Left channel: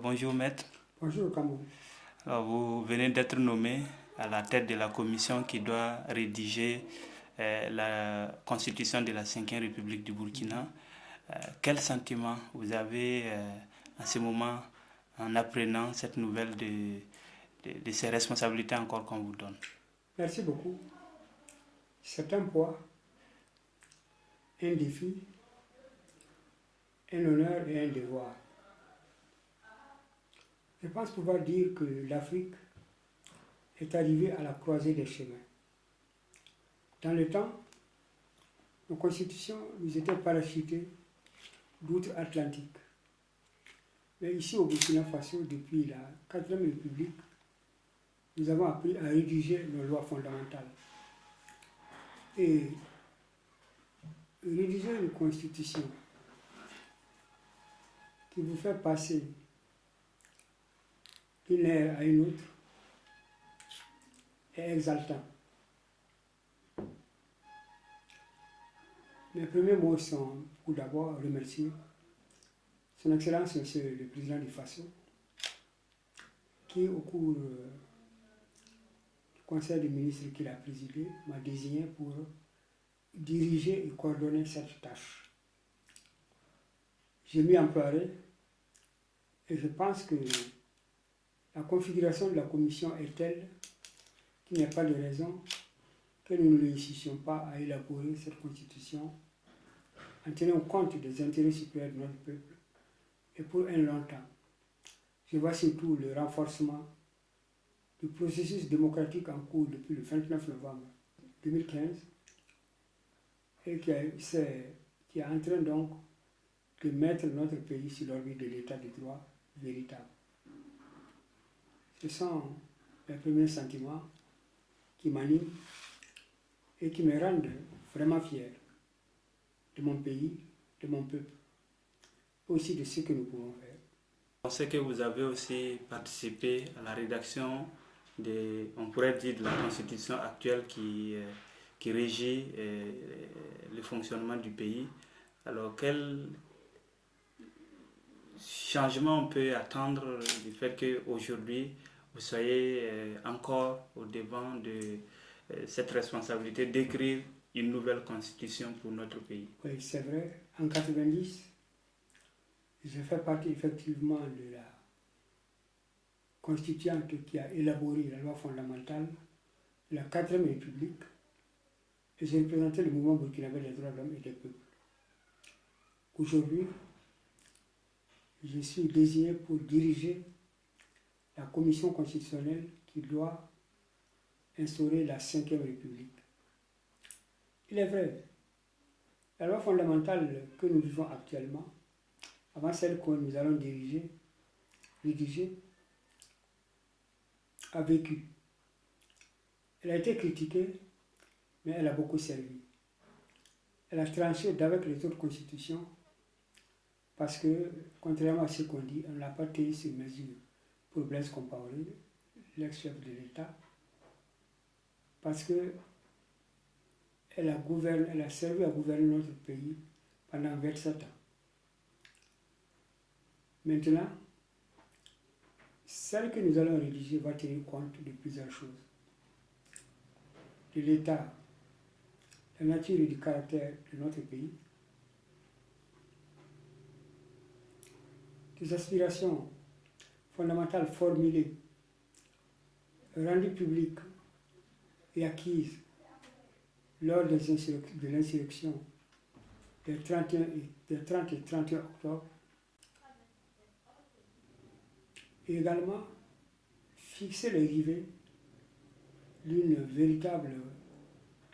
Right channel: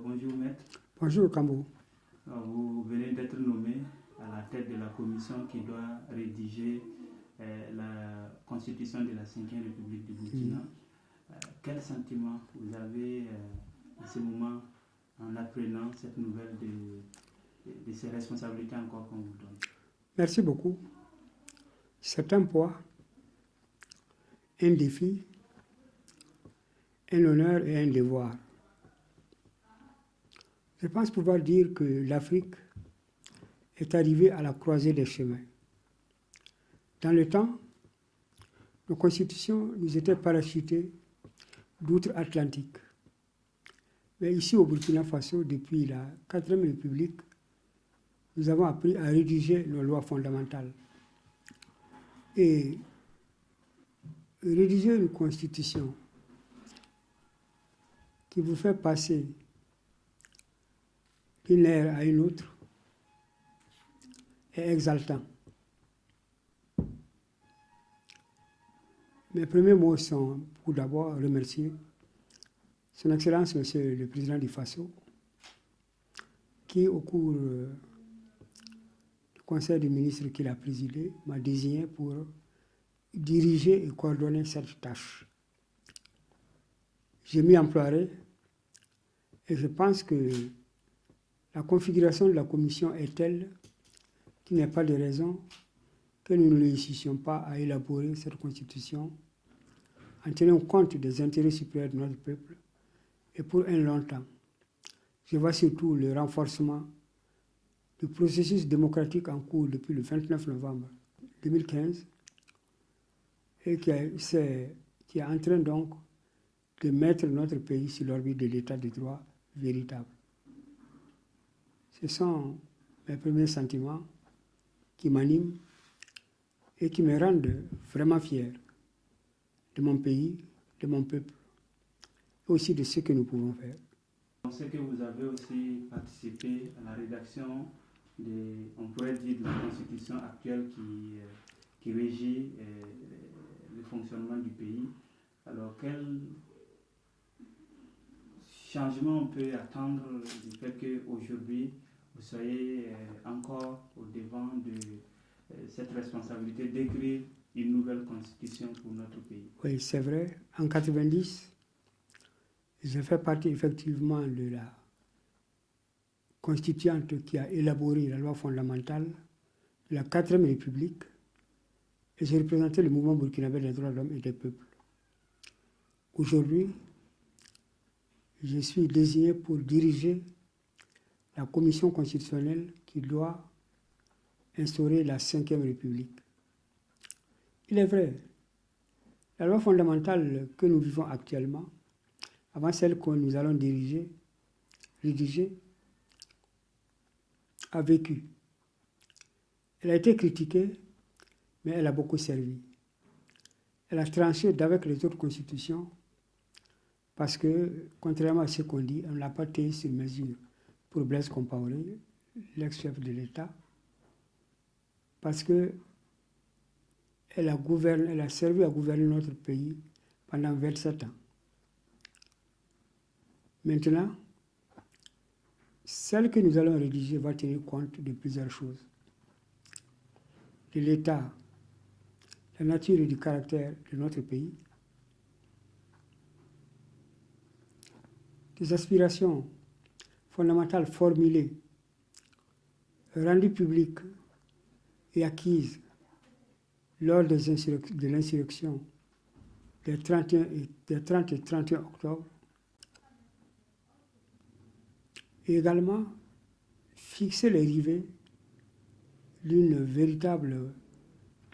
Bonjour maître. Bonjour Kamou. Vous venez d'être nommé à la tête de la commission qui doit rédiger la constitution de la 5e République du Burkina. Quel sentiment vous avez en ce moment en apprenant cette nouvelle de ces responsabilités encore qu'on vous donne? Merci beaucoup. C'est un poids, un défi, un honneur et un devoir. Je pense pouvoir dire que l'Afrique est arrivée à la croisée des chemins. Dans le temps, nos constitutions nous étaient parachutées d'outre-Atlantique. Mais ici au Burkina Faso, depuis la 4e République, nous avons appris à rédiger nos lois fondamentales. Et rédiger une constitution qui vous fait passer d'une ère à une autre est exaltant. Mes premiers mots sont pour d'abord remercier Son Excellence Monsieur le Président du Faso, qui au cours du Conseil des ministres qu'il a présidé m'a désigné pour diriger et coordonner cette tâche. Je m'y emploierai et je pense que la configuration de la commission est telle qu'il n'y a pas de raison que nous ne réussissions pas à élaborer cette constitution en tenant compte des intérêts supérieurs de notre peuple et pour un long temps. Je vois surtout le renforcement du processus démocratique en cours depuis le 29 novembre 2015 et qui est en train donc de mettre notre pays sur l'orbite de l'état de droit véritable. Ce sont mes premiers sentiments qui m'animent et qui me rendent vraiment fier de mon pays, de mon peuple, et aussi de ce que nous pouvons faire. On sait que vous avez aussi participé à la rédaction on pourrait dire, de la constitution actuelle qui régit le fonctionnement du pays. Alors, quel changement on peut attendre du fait qu'aujourd'hui, vous soyez encore au devant de cette responsabilité d'écrire une nouvelle constitution pour notre pays? Oui, c'est vrai. En 90, je fais partie effectivement de la constituante qui a élaboré la loi fondamentale de la 4e République et j'ai représenté le mouvement burkinabé des droits de l'homme et des peuples. Aujourd'hui, je suis désigné pour diriger la commission constitutionnelle qui doit instaurer la 5e République. Il est vrai, la loi fondamentale que nous vivons actuellement, avant celle que nous allons rédiger, a vécu. Elle a été critiquée, mais elle a beaucoup servi. Elle a tranché d'avec les autres constitutions parce que, contrairement à ce qu'on dit, on n'a pas taillé sur mesure pour Blaise Compaoré, l'ex-chef de l'État, parce que elle a servi à gouverner notre pays pendant 27 ans. Maintenant, celle que nous allons rédiger va tenir compte de plusieurs choses. De l'état, la nature et du caractère de notre pays, des aspirations fondamentales formulées, rendues publiques et acquises lors de l'insurrection des 30 et 31 octobre, et également fixer les rivets d'une véritable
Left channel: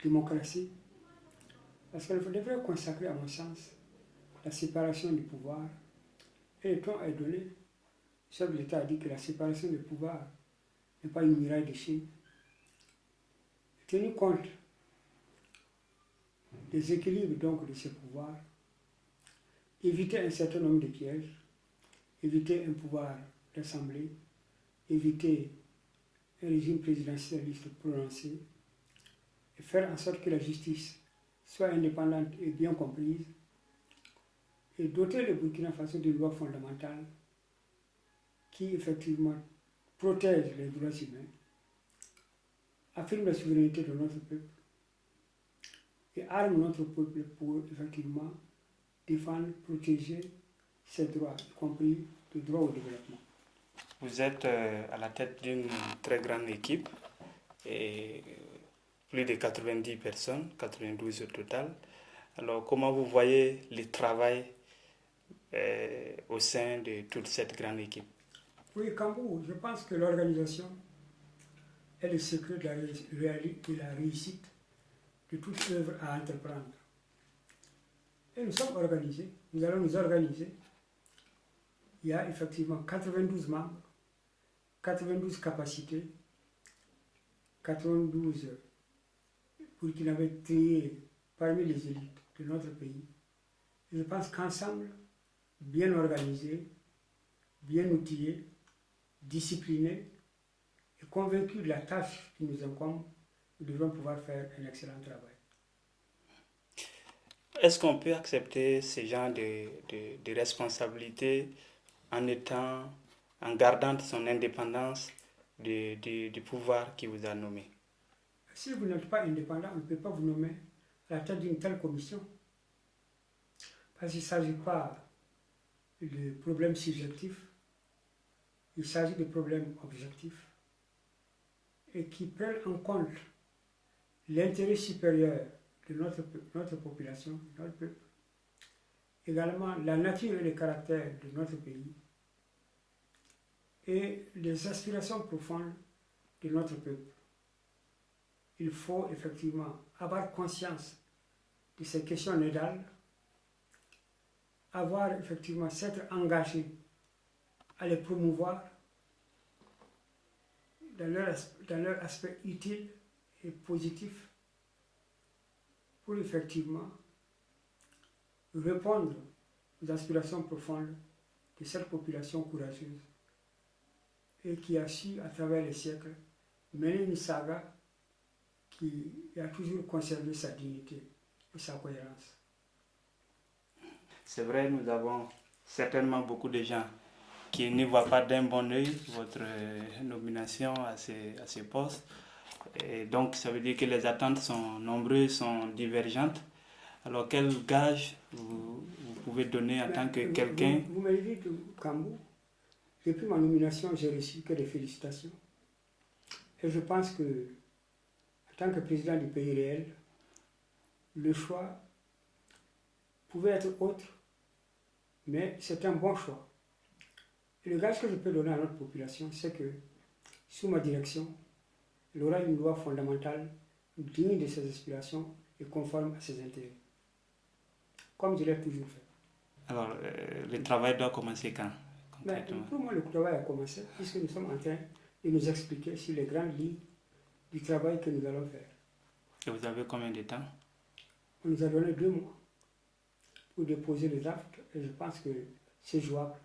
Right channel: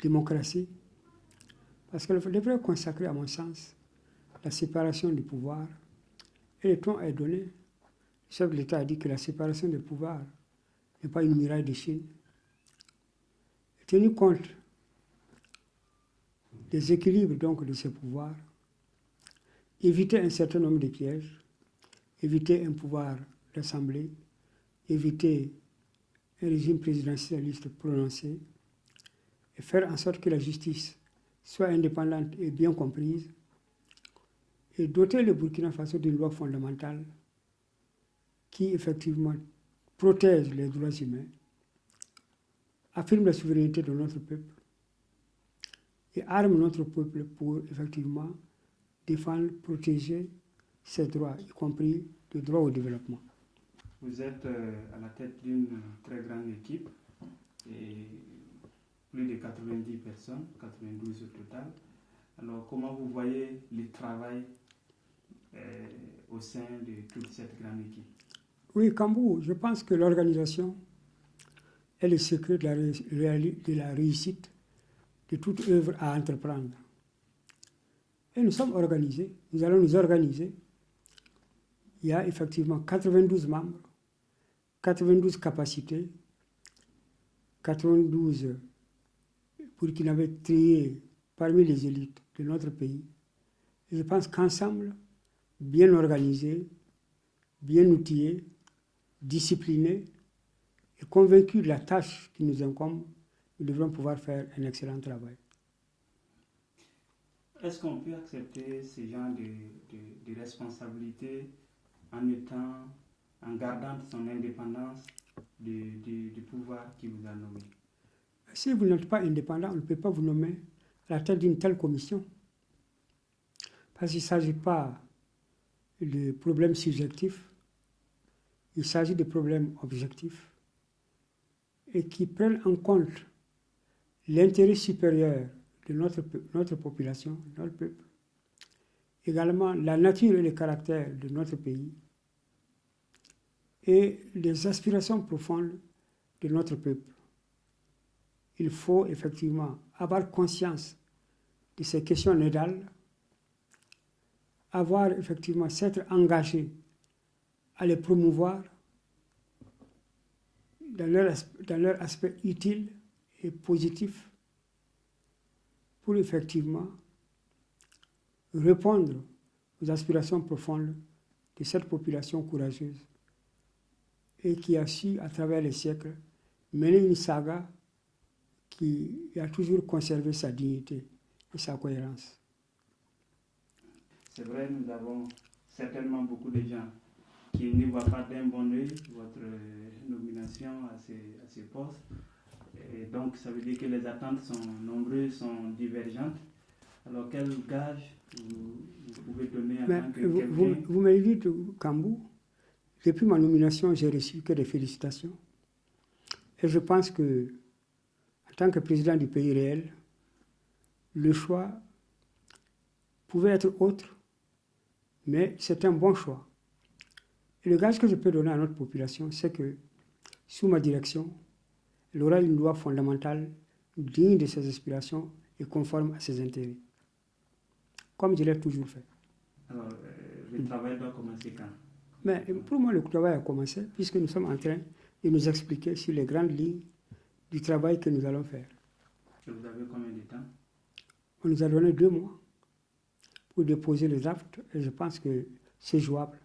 démocratie, parce qu'elle devrait consacrer, à mon sens, la séparation du pouvoir. Et le ton est donné. Le chef de l'État a dit que la séparation du pouvoir n'est pas une muraille de Chine. Tenu compte des équilibres donc de ce pouvoir, éviter un certain nombre de pièges, éviter un pouvoir d'assemblée, éviter un régime présidentialiste prononcé et faire en sorte que la justice soit indépendante et bien comprise et doter le Burkina Faso d'une loi fondamentale qui effectivement protège les droits humains, affirme la souveraineté de notre peuple et arme notre peuple pour effectivement défendre, protéger ses droits, y compris le droit au développement. Vous êtes à la tête d'une très grande équipe, et plus de 90 personnes, 92 au total. Alors, comment vous voyez le travail au sein de toute cette grande équipe? Oui, Kambou, je pense que l'organisation est le secret de la réussite de toute œuvre à entreprendre. Et nous sommes organisés, nous allons nous organiser. Il y a effectivement 92 membres, 92 capacités, 92 Burkinabés triés parmi les élites de notre pays. Et je pense qu'ensemble, bien organisés, bien outillés, disciplinés et convaincus de la tâche qui nous incombe, nous devrons pouvoir faire un excellent travail. Est-ce qu'on peut accepter ce genre de responsabilité en gardant son indépendance du pouvoir qui vous a nommé? Si vous n'êtes pas indépendant, on ne peut pas vous nommer à la tête d'une telle commission. Parce qu'il ne s'agit pas de problèmes subjectifs, il s'agit de problèmes objectifs et qui prennent en compte l'intérêt supérieur de notre population, notre peuple, également la nature et le caractère de notre pays et les aspirations profondes de notre peuple. Il faut effectivement avoir conscience de ces questions nodales, avoir effectivement s'être engagé à les promouvoir dans leur aspect utile et positif pour effectivement répondre aux aspirations profondes de cette population courageuse et qui a su, à travers les siècles, mener une saga qui a toujours conservé sa dignité et sa cohérence. C'est vrai, nous avons certainement beaucoup de gens qui ne voient pas d'un bon œil votre nomination à ces postes. Et donc, ça veut dire que les attentes sont nombreuses, sont divergentes. Alors, quel gage vous pouvez donner en tant que quelqu'un? Vous m'avez dit, Kambou, depuis ma nomination, j'ai reçu que des félicitations. Et je pense que, en tant que président du pays réel, le choix pouvait être autre, mais c'est un bon choix. Et le gage que je peux donner à notre population, c'est que, sous ma direction, elle aura une loi fondamentale digne de ses aspirations et conforme à ses intérêts, comme je l'ai toujours fait. Alors, le travail doit commencer quand? Mais pour moi, le travail a commencé, puisque nous sommes en train de nous expliquer sur les grandes lignes du travail que nous allons faire. Et vous avez combien de temps? On nous a donné 2 mois pour déposer les actes et je pense que c'est jouable.